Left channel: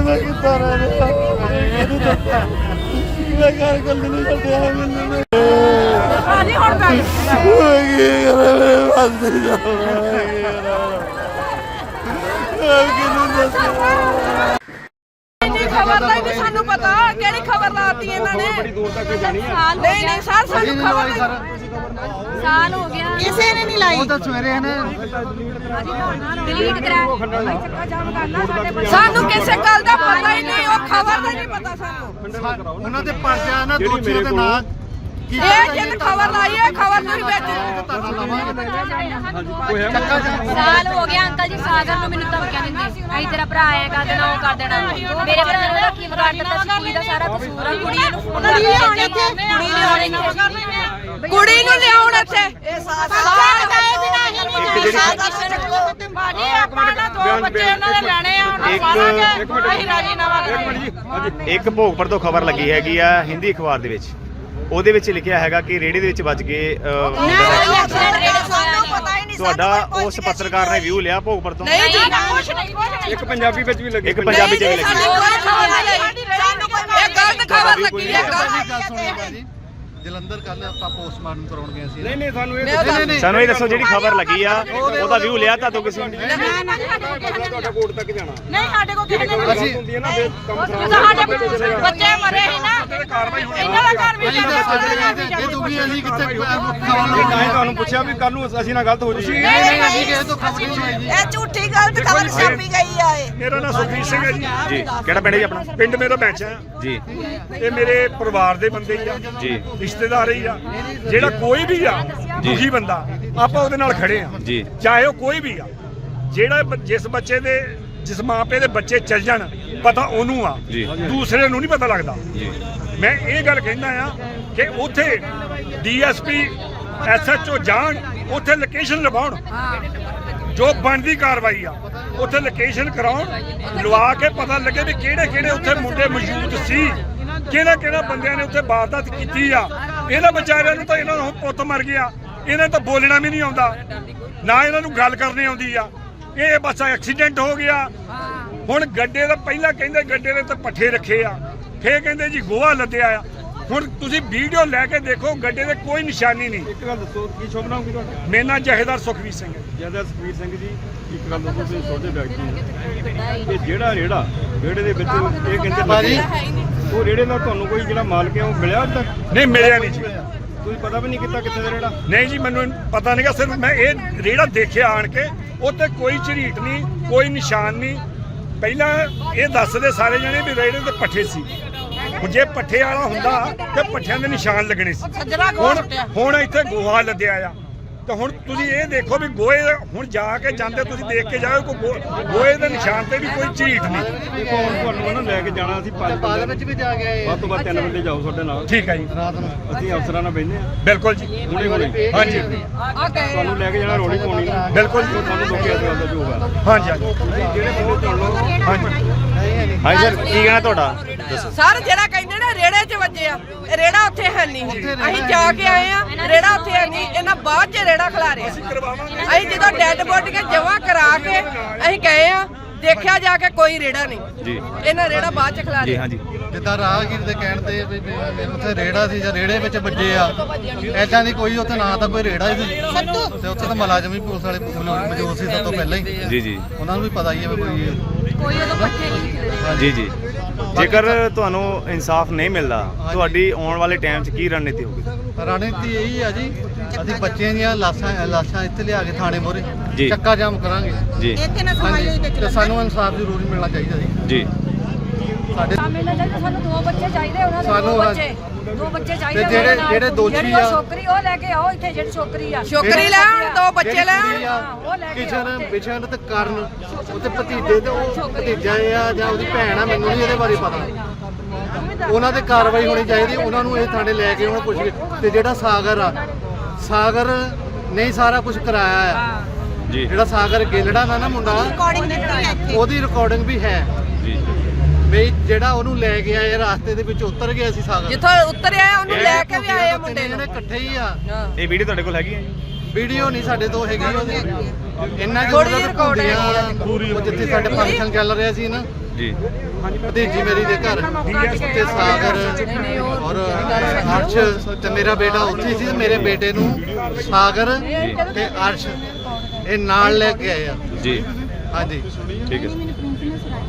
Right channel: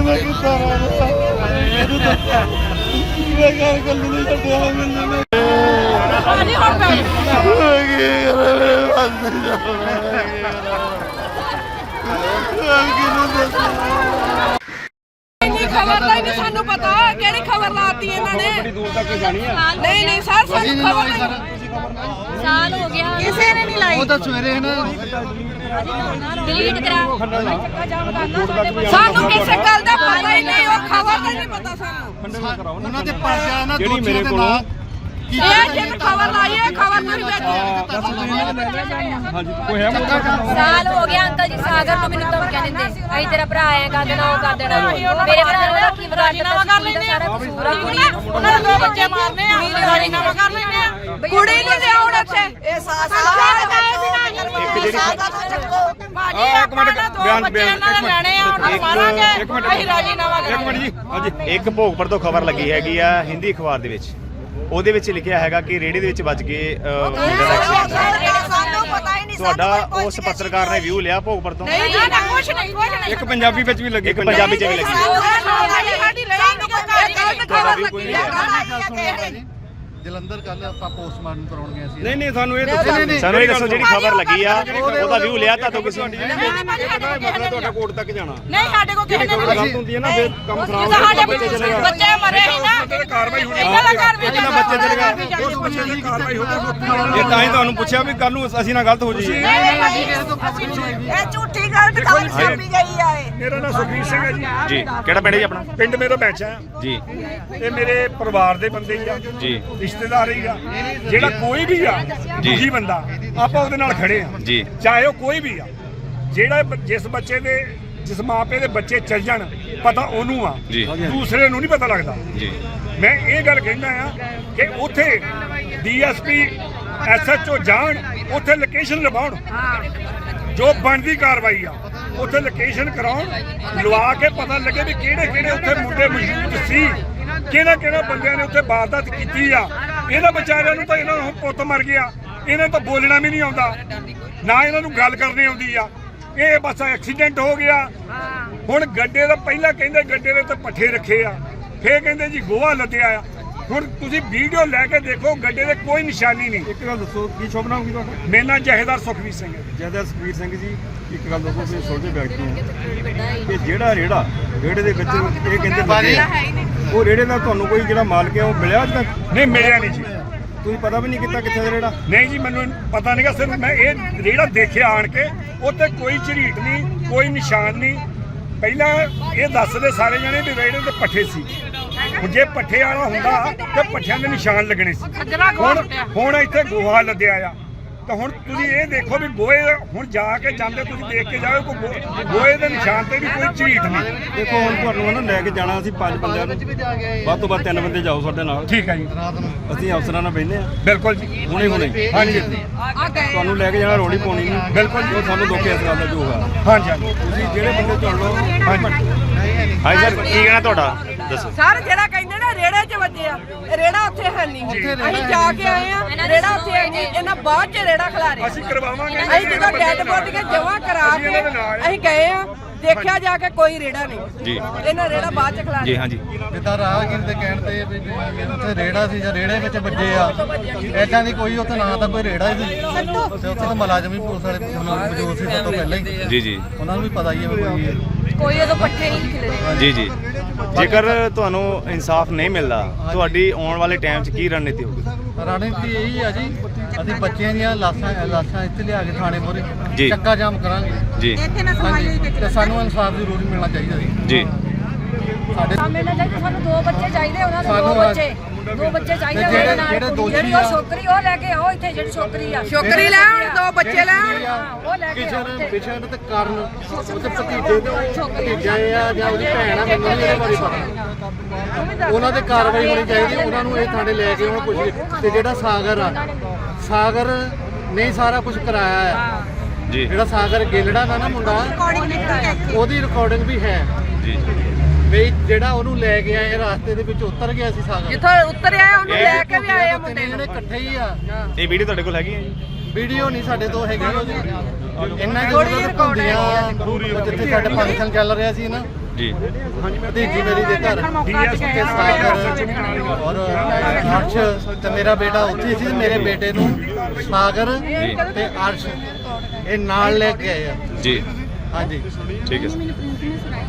ਮੈਂ ਕਿੱਦਾਂ ਰਹਿਣਾ ਮੈਂ ਘਰ ਕੱਲ ਨੂੰ ਛੱਡਿਆ ਮੈਨੂੰ ਇੰਨੀ ਖਬਰ ਦਾ ਹੀ ਨਹੀਂ ਸਾਨੂੰ ਪਤਾ ਕਿਹੜੀ ਖਬਰ ਲਾਤੀ ਇਹਨਾਂ ਨੇ। ਨਹੀਂ ਨਹੀਂ ਸਰ ਸਾਨੂੰ ਖਬਰ ਨਹੀਂ ਸਾਲ ਹੋ ਗਿਆ। ਕਿਸੇ ਨੇ ਨਹੀਂ ਲਾਈ। ਉਹ ਤਾਂ ਸਵੇਰੇ ਹੈ ਨਾ। ਡਿਲੀਟ ਕਰਾ। ਸਾਨੂੰ ਕਿਸੇ ਗੱਲ ਦਾ ਪਤਾ ਹੀ ਨਹੀਂ ਉਹ ਖਬਰ ਦਾ ਨਹੀਂ ਪਤਾ ਸਾਨੂੰ। ਉਹਨਾਂ ਦੇ ਪਰਚਾ ਨਾ ਦੋਸ਼ੀਆਂ ਦੇ ਨਾਂ ਇਹ ਜਿਹਨੇ ਖਬਰ ਲਾਈ ਹੈ ਖਬਰ ਨਹੀਂ ਵੇਚੀ ਧਰਨਾ ਲਾਵਾਂਗੇ ਚੱਕਾ ਜਾਮ ਸਾਲ ਹੋ ਗਿਆ ਅੰਕਲ ਜੀ ਸਾਗਰ ਨੂੰ ਮੈਨੂੰ ਧਮਕੀਆਂ ਦਿੰਦੇ। ਅਸੀਂ ਤੇਰਾ ਭਰਾ ਆਇਆ ਕਰ ਦੇਣਾ ਉਹ ਕਰ ਦੇਣਾ। ਮੇਰੇ ਭਰਾ ਨੇ ਉਹਦਾ ਕੀ ਵਿਗਾੜ ਦਿੱਤਾ ਸੀ? ਕੁੜੀ ਦਾ ਸਾਰਾ ਕਸੂਰ ਆ। ਕੁੜੀ ਨੂੰ ਫੋਨ ਕਰਕੇ ਕੁੜੀ ਨੇ ਆਉਣੇ ਇੱਥੇ। ਕੁੜੀ ਨੂੰ ਲਿਆਉਣ ਇੱਥੇ। ਇਹ ਸਾਸ ਇੱਕ ਸਾਸ ਦਾ ਚੱਕੋ। ਇੱਕ ਮਿੰਟ ਇੱਕ ਮਿੰਟ ਜੀ ਹਾਂਜੀ। ਇੱਕ ਭੋਗਪੁਰ ਤੋਂ ਖਬਰ ਲੱਗੀ ਹੈਗੀ ਆ ਹਿੰਦੀ ਅਖਬਾਰ ਦੇ ਵਿੱਚ। ਉਹਦੇ ਵਿੱਚ ਲਿਖਿਆ ਹੈਗਾ ਕਿ ਰੇੜੇ ਦੇ ਵਿੱਚ ਵੱਜ ਕੇ ਅਹ, ਮੁੰਡੇ ਦਾ accident ਸਾਨੂੰ ਪਤਾ ਹੀ ਨਹੀਂ ਤੁਹਾਡਾ ਉਸ ਪੱਤਰਕਾਰ ਨੇ ਵਿਊ ਲਿਆ ਭੋਗਪੁਰ ਤੋਂ? ਨਹੀਂ ਜੀ ਕੁਝ ਨਹੀਂ ਕੁਝ ਨਹੀਂ। ਇੱਕ ਪੰਜਾਬੀ ਵਿੱਚ ਵੀ ਲੱਗੀ ਇੱਕ ਪੰਜਾਬੀ ਚ ਵੀ ਲੱਗੀ। ਹੈ। ਤੁਹਾਡਾ ਵੀ ਕੋਈ ਨਹੀਂ ਨਹੀਂ ਜਲੰਧਰ ਕੱਲ ਆਪਾਂ ਪੋਸਟਮਾਰਟਮ ਕਰਾਉਣ ਗਏ ਸੀ। ਨਹੀਂ ਨਹੀਂ ਸਾਨੂੰ ਇਹ ਨਹੀਂ ਨਹੀਂ ਨਹੀਂ। ਸਾਨੂੰ ਇਹ ਦੱਸੋ ਜਿਹੜੀ ਖਬਰ ਲੱਗੀ ਆ ਉਹਦਾ ਵਿਊ ਲਿਆ ਤਾਂ ਤੋਂ ਕਿਸੇ ਨੇ? ਤੁਹਾਡਾ ਕੋਰਟ ਤੱਕ ਜਾਣਾ। ਨਹੀਂ ਸਾਡੇ ਕੋਲ ਕਿਸੇ ਨੇ ਗਲਤ ਹੁੰਦੀ ਹੈ ਨਾ ਫਿਰ ਕੰਮ ਸਾਡੇ ਬੱਚੇ ਮਰੇ ਸੀ ਨਾ ਕਾਰਵਾਈ ਹੋਣੀ ਤਾਂ ਹੀ ਤੁਹਾਨੂੰ ਪੁੱਛਿਆ ਵੀ ਕੱਲ ਨੂੰ ਅਸੀਂ ਨਾਲ ਗਲਤ ਹੋ ਜੀ ਇਹ ਝੂਠੀ ਗੱਲ ਤੇ ਖਬਰ ਛਾਪੀ ਗਈ ਆ ਇਹ। ਮੇਰਾ ਨਾਮ ਸੁਖਵੀਰ ਸਿੰਘ ਹੈ ਜੀ। ਜੀ ਕਿਹੜਾ ਪਿੰਡ ਹੈ ਜੀ ਆਪਣਾ? ਪਿੰਡ ਮੇਰਾ ਬੈਂਚਾ ਹੈ। ਜੀ। ਇਹ ਮੇਰੇ ਪਰਿਵਾਰ ਦੇ ਬੰਦੇ ਹੀ ਆ। ਜੀ। ਰਿਸ਼ਤੇਦਾਰ ਹੀ ਆ। ਜਿਹੜਾ ਕੋਈ ਵੀ ਆ ਦੁਖੀ ਬੰਦਾ ਆਪਾਂ ਉਹਦੇ ਨਾਲ ਖੜੇ ਆ। ਜੀ। ਚਾਹੇ ਉਹ ਕੋਈ ਵੀ ਆ। ਜਿਹੜਾ ਜਿਸ ਬੱਚੇ ਦੇ ਜਿਸ ਮਾਪੇ ਦੇ ਬੱਚੇ ਚੱਲ ਜਾਣ ਪਤਾ ਉਹਨੂੰ ਆ। ਦੂਸਰੇ ਨੂੰ ਨਹੀਂ ਪਤਾ ਲੱਗਦਾ। ਜੀ। ਮੈਂ ਇਹ ਗੱਲ ਕਹਿੰਦਾ ਆ ਕਿ ਉੱਥੇ ਡੀਐਸਪੀ ਐਸਐਚਓ ਜਾਣ ਉੱਥੇ ਲੋਕੇਸ਼ਨ ਲਵਾਉਣ। ਜੋ ਬਣਦੀ ਕਾਰਵਾਈ ਆ ਉੱਥੇ ਲੋਕੇਸ਼ਨ ਕਰਾਉਣ ਲਵਾ ਕੇ ਪਤਾ ਲੱਗੇ ਵੀ ਕਿਹੜੇ ਕਿਹੜੇ ਉੱਥੇ ਮੁੰਡੇ ਮੌਜੂਦ ਸੀ। ਕਿਹੜਾ ਕਿਹੜਾ ਬੰਦਿਆਂ ਨੇ ਉੱਥੇ ਵਾਰਦਾਤ ਕੀਤੀ ਆ? ਇਹਨਾਂ ਵਿਚਾਰਿਆਂ ਨੂੰ ਤਾਂ ਇਹਨਾਂ ਨੂੰ ਪੁੱਤ ਮਰ ਗਿਆ। ਇਹਨਾਂ ਨੂੰ ਤਾਂ ਬੋਲਣਾ ਵੀ ਨਹੀਂ ਆਉਂਦਾ। ਨਾ ਇਹਨਾਂ ਨੂੰ ਗੱਲ ਕਰਨੀ ਆਉਂਦੀ ਆ। ਇਹ ਬਸ ਐਕਸੀਡੈਂਟ ਹੋ ਗਿਆ। ਹੁਣ ਗੱਡੇ ਦਾ ਪਹਿਲਾਂ ਕਹਿੰਦੇ ਗੱਡੇ ਦੇ ਤੇ ਪੱਠੇ ਰੱਖੇ ਆ। ਫੇਰ ਕਹਿੰਦੇ ਜੀ ਗੋਹਾ ਲੱਦਿਆ ਆ। ਹੁਣ ਤੁਸੀਂ ਵੀਡੀਓ ਲੈ ਕੇ ਦੇਖੋ ਗੱਡੇ ਦੇ ਕੋਈ ਨਿਸ਼ਾਨੀ ਨਹੀਂ। ਇੱਕ ਗੱਲ ਦੱਸੋ ਕੀ ਸ਼ੁਭ ਨਾਮ ਕੀ ਤੁਹਾਡਾ? ਮੇਰਾ ਜਹੇਦਾਰ ਸੁਖਵੀਰ ਸਿੰਘ ਹੈ। ਜੈਦਾ ਸੁਖਬੀਰ ਸਿੰਘ ਜੀ ਇੱਕ ਗੱਲ ਦੱਸੋ ਤੁਸੀਂ ਸੋਚਦੇ ਵਿਅਕਤੀ ਹੋ। ਕਿ ਜਿਹੜਾ ਰੇੜਾ ਰੇੜੇ ਦੇ ਵਿੱਚ ਇਹ ਕਹਿੰਦੇ ਲੱਗੇ ਉਹ ਰੇੜੇ ਦਾ ਤੁਹਾਨੂੰ ਕੋਈ ਜਿਹੜਾ ਮਾਲਕ ਹੈ ਉਹ ਮਿਲਿਆ ਅੱਜ ਤੱਕ? ਨਹੀਂ ਮਿਲਿਆ ਨਹੀਂ ਜੀ। ਤੁਸੀਂ ਪਤਾ ਵੀ ਨਹੀਂ ਕੀਤਾ ਕਿੱਥੇ ਦਾ ਰੇੜਾ? ਨਹੀਂ ਜੀ ਮੈਨੂੰ ਪਤਾ ਨਹੀਂਗਾ ਸਿਰਫ ਮੈਂ ਇਹ ਰੇੜਾ ਦੇਖਿਆ ਆਣ ਕੇ ਉੱਤੇ ਕੋਈ ਝਰੀਟ ਨਹੀਂ ਕੋਈ ਨਿਸ਼ਾਨ ਨਹੀਂ। ਪਹਿਲਾਂ ਇਹ ਦੱਸਦੇ ਸਾਰੇ ਜਣੇ ਵੀ ਰੇੜੇ ਤੇ ਪੱਠੇ ਸੀ। ਹੁਣ ਜੇ ਪੱਠੇ ਵਾਲਾ ਹੁੰਦਾ ਤੇ ਪੱਠਿਆਂ ਦੇ ਨਿਸ਼ਾਨ ਲੱਗਣੇ ਸੀ। ਹੁਣ ਹੁਣ ਇੱਥੇ ਗੋਹਾ ਲੱਦਿਆ ਆ। ਤਾਂ ਹੁਣ ਤੁਸੀਂ ਇਹ ਦੇਖੋ ਵੀ ਗੋਏ ਹੁਣ ਜਾ ਕੇ ਜਾਂਦੇ ਤੁਸੀਂ ਦੇਖ ਕੇ ਜਾਓ ਕੋਈ ਗੋਏ ਦੇ ਨਿਸ਼ਾਨ ਤੇ ਵੀ ਕੋਈ ਝਰੀਟ ਨਹੀਂ। ਦੇਖੋ ਹੁਣ ਤੁਹਾਨੂੰ ਨਾ ਲੈ ਕੇ ਜਾਣਾ ਅਸੀਂ ਪੰਜ ਬੰਦਿਆਂ ਨੂੰ ਵੱਧ ਤੋਂ ਵੱਧ ਤਿੰਨ ਬੰਦੇ ਜਾਓ ਸਾਡੇ ਨਾਲ। ਠੀਕ ਹੈ ਜੀ। ਅਸੀਂ ਅਫਸਰਾਂ ਨਾਲ ਬੈਠੇ ਆ। ਬਿਲਕੁਲ ਜੀ। ਹੁਣੇ ਹੁਣੇ। ਹਾਂਜੀ। ਤੁਹਾਨੂੰ ਲੈ ਕੇ ਜਾਣਾ ਰੋਣੀ ਪਾਉਣੀ ਬਿਲਕੁਲ ਜੀ। ਤੁਹਾਨੂੰ ਇਸ ਗੱਲ ਦਾ ਜੋ ਹੋਗਾ ਹਾਂਜੀ ਹਾਂਜੀ। ਤੁਸੀਂ ਜਿਹੜੇ ਬੰਦੇ ਚੁਣੋ ਹਾਂਜੀ। ਹਾਂਜੀ ਸਰ ਕੀ ਕਹਿਣਾ ਤੁਹਾਡਾ? ਦੱਸੋ ਸਰ ਜਿਹੜਾ ਕਹਿੰਦੇ ਨੇ ਰੇੜੇ 'ਚ ਵੱਜੇ ਆ। ਰੇੜਾ ਉੱਥੇ ਹੈ ਨਹੀਂ ਅਸੀਂ ਜਾ ਕੇ ਆਏ ਆ। ਰੇੜਾ ਉੱਥੇ ਹੈ ਨਹੀਂ ਇਹਨਾਂ ਬਾਅਦ 'ਚ ਰੇੜਾ ਅਸੀਂ ਕਰਵਾਵਾਂਗੇ। ਅਸੀਂ ਜਦੋਂ ਡੈਡ ਬੋਡੀ ਕੇ ਜਮਾ ਕਰਾ ਕੇ ਅਸੀਂ ਗਏ ਆ ਦੇਖਿਆ ਜਾ ਕੇ ਕੋਈ ਰੇੜਾ ਨਹੀਂ। ਜੀ। ਇਹਨਾਂ ਰੇੜਾ ਬਾਅਦ 'ਚ ਜੀ ਖਿਲਾਰਿਆ ਹਾਂਜੀ ਜਿੱਦਾਂ ਰਾਹਗੀਰ ਦੇ ਕਹਿਣ ਤੇ ਵੀ ਵੀ ਉੱਥੇ ਰੇੜਾ ਸੀ ਜਾਂ ਰੇੜੇ ਵਿੱਚ ਵੱਜੇ ਆ। ਐਦਾਂ ਦੀ ਕੋਈ ਉੱਥੇ ਨਾ ਤਾਂ ਕੋਈ ਰੇੜਾ ਹੀ ਸੀ। ਤੇ ਉੱਥੇ ਤਾਂ ਮੁਲਾਜ਼ਮ ਹੀ ਪੁਲਿਸ ਵਾਲੇ ਮੌਜੂਦ ਸੀ ਸਭ ਤੋਂ ਪਹਿਲਾਂ ਹੀ। ਜੀ ਜੀ। ਉਹਨਾਂ ਨੂੰ ਵੀ ਪਤਾ ਹੀ ਹੈ ਵੀ ਕੋਈ ਕੋਈ ਉਦੋਂ ਪੱਠੇ ਨਹੀਂ ਖਿਲਰੇ। ਜੀ ਜੀ। ਜੇਕਰ ਤੁਹਾਨੂੰ ਇਨਸਾਫ ਨਹੀਂ ਮਿਲਦਾ ਤੁਹਾਡੀ ਆਉਣ ਵਾਲੇ ਟਾਈਮ 'ਚ ਕੀ ਰਣਨੀਤੀ ਹੋਊਗੀ? ਰਣਨੀਤੀ ਇਹੀ ਆ ਜੀ ਅਸੀਂ ਬੱਚਿਆਂ ਦੀਆਂ ਲਾਸ਼ਾਂ ਲਾਸ਼ਾਂ ਇੱਥੇ ਲਿਆ ਕੇ ਥਾਣੇ ਮੋਰੇ ਜੀ। ਚੱਕਾ ਜਾਮ ਕਰਾਂਗੇ। ਜੀ। ਹਾਂਜੀ ਤੇ ਸਾਨੂੰ ਇਨਸਾਫ ਜ਼ਰੂਰ ਮਿਲਣਾ ਚਾਹੀਦਾ ਜੀ। ਜੀ। ਸਾਡੇ ਮਿਲਣ ਲਈ ਤਾਂ ਸਾਨੂੰ ਦੋ ਬੱਚੇ ਚਾਹੀਦੇ ਉਹਨਾਂ ਦੇ ਸਾਨੂੰ ਦੋ। ਬੱਚੇ ਦੋ ਬੱਚੇ ਚਾਹੀਦੇ ਤੇ ਜਿਹੜੇ-। ਜਿਹੜੇ ਦੋਸ਼ੀ ਜਿਹੜੀ ਉਹ ਆ- ਛੋਕਰੀ ਉਹ ਲੈ ਕੇ ਆਓ ਇੱਥੇ ਜਿਹੜੀ ਛੋਕਰੀ ਆ। ਛੋਕਰੀ ਲੈਣ ਦੋ ਬੱਚੇ ਜਿਹੜੀ ਲੈਣ ਕੁੜੀ ਆ, ਕਿਸ਼ਨ ਬਿਸ਼ਨ ਤੇ ਕਰਨ ਉਹਦੇ ਭਤੀਜੇ ਤੇ ਉਹ ਭਤੀਜਾ ਇਹ ਆ ਜਾਂ ਉਹਦੀ ਭੈਣ ਆ ਮੈਨੂੰ ਨਹੀਂ ਇਹਦੇ ਬਾਰੇ ਪਤਾ। ਉਹਨਾਂ ਤੇ ਕਾਰਵਾਈ ਹੋਣੀ ਚਾਹੀਦੀ ਉਹਨਾਂ ਨੂੰ ਇਹ ਥਾਣੇ ਲੈ ਕੇ ਉਹਨਾਂ ਪੁੱਛ ਕੇ। ਤੇ ਜਿਹੜਾ ਸਾਗਰ ਆ ਸਾਗਰ ਨਹੀਂ ਸਾਰਾ ਕੁਝ ਕਰਾਇਆ ਆ। ਜੀ। ਜਿਹੜਾ ਸਾਗਰ ਗਿੱਲੜਾ ਦਾ ਨਾ ਮੁੰਡਾ ਉਹਦੀ ਰਿਕਾਰਡਿੰਗ ਵੀ ਹੈ। ਜੀ। ਵੀ ਜਿਹੜਾ ਉਹਨੂੰ ਲੈ ਕੇ ਆਏ ਰਾਸਤੇ ਦੇ ਵਿੱਚ ਉਤਰ ਗਿਆ ਸੀ ਸਾਗਰ। ਜਿੱਥੋਂ ਉਤਰਿਆ ਉਹਨੂੰ ਇਹ ਲੈ ਕੇ ਵੀ ਆਏ ਆ ਤਿੰਨੇ ਮੁੰਡੇ ਜਣੇ ਨੂੰ। ਇਕੱਠੇ ਹੀ ਆ। ਇਹ ਵੀਡੀਓ ਤੁਹਾਡੇ ਕੋਲ ਹੈਗੀ ਹੈ ਜੀ? ਵੀਡੀਓ ਨਹੀਂ ਸਾਡੇ ਤੋਂ ਹੈਗੀ ਉਹਦੀ। ਇੰਨਾ ਆ ਵੀ ਭੁੰਦੀਆਂ ਉਹ ਜਿੱਥੇ ਸਾਡੇ ਫੰਕਸ਼ਨ ਚੱਲ ਰਿਹਾ ਸੀ ਨਾ। ਜੀ। ਭਤੀਜੀ ਮੇਰੀ ਦੇ ਘਰ। ਉੱਥੇ ਸਾਗਰ ਔਰ ਅਰਸ਼ ਤੇ ਮੇਰਾ ਬੇਟਾ ਉੱਥੇ ਸੀ ਤੇ ਮੇਰੇ ਬੇਟੇ ਨੂੰ ਸਾਗਰ ਤੇ ਅਰਸ਼ ਇਹ ਨਾਲ ਲੈ ਕੇ ਆਏ ਆ। ਜੀ। ਹਾਂਜੀ। ਠੀਕ ਹੈ